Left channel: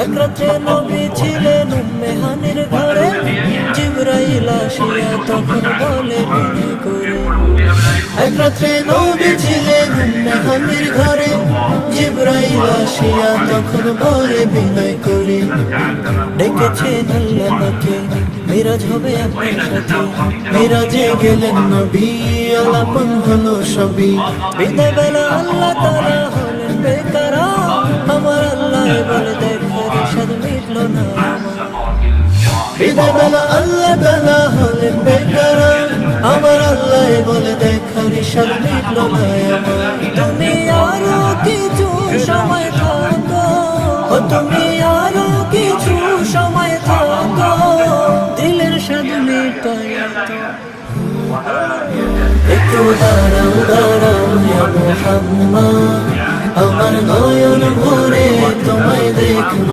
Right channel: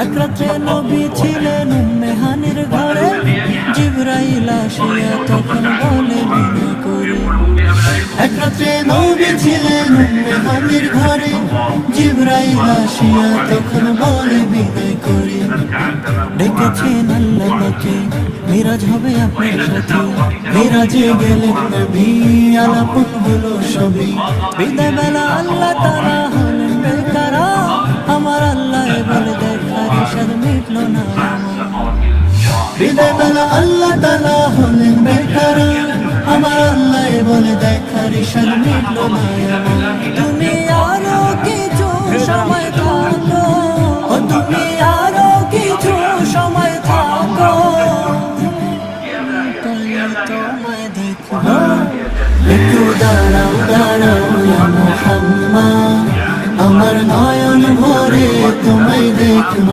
এক রাত্রে নবী ছিলেন উম্মে হানির ঘরে, জিবরাইল আসিয়া তখন বলে বিনয় করে। এক রাত্রে নবী ছিলেন উম্মে হানির ঘরে, জিবরাইল আসিয়া তখন বলে বিনয় করে। ডেকেছেন আল্লাহ পাকে, মিরাজ হবে আপনার সাথে। মিরাজে গেলেন নবী, আলাপন হলো সবই। বিদায় বেলা আল্লাহ তাআলা হলেন বেকারা, আমার আল্লাহ বলে দেখার ইশাদ মিটল না আমার। বিদায় বেলা আল্লাহ তাআলা হলেন বেকারা, আমার আল্লাহ বলে দেখার ইশাদ মিটল না আমার। তুমি আরো কিছু সময় থাকো, ও তুমি আরো কিছু সময় থাকো, দিলের স্বাদ মিটাইয়া তোমায় দিব। একটু দাঁড়াও দাঁড়াও ইয়া মুহাম্মদ, আমার নয়ন ভরে তোমায় দেখব।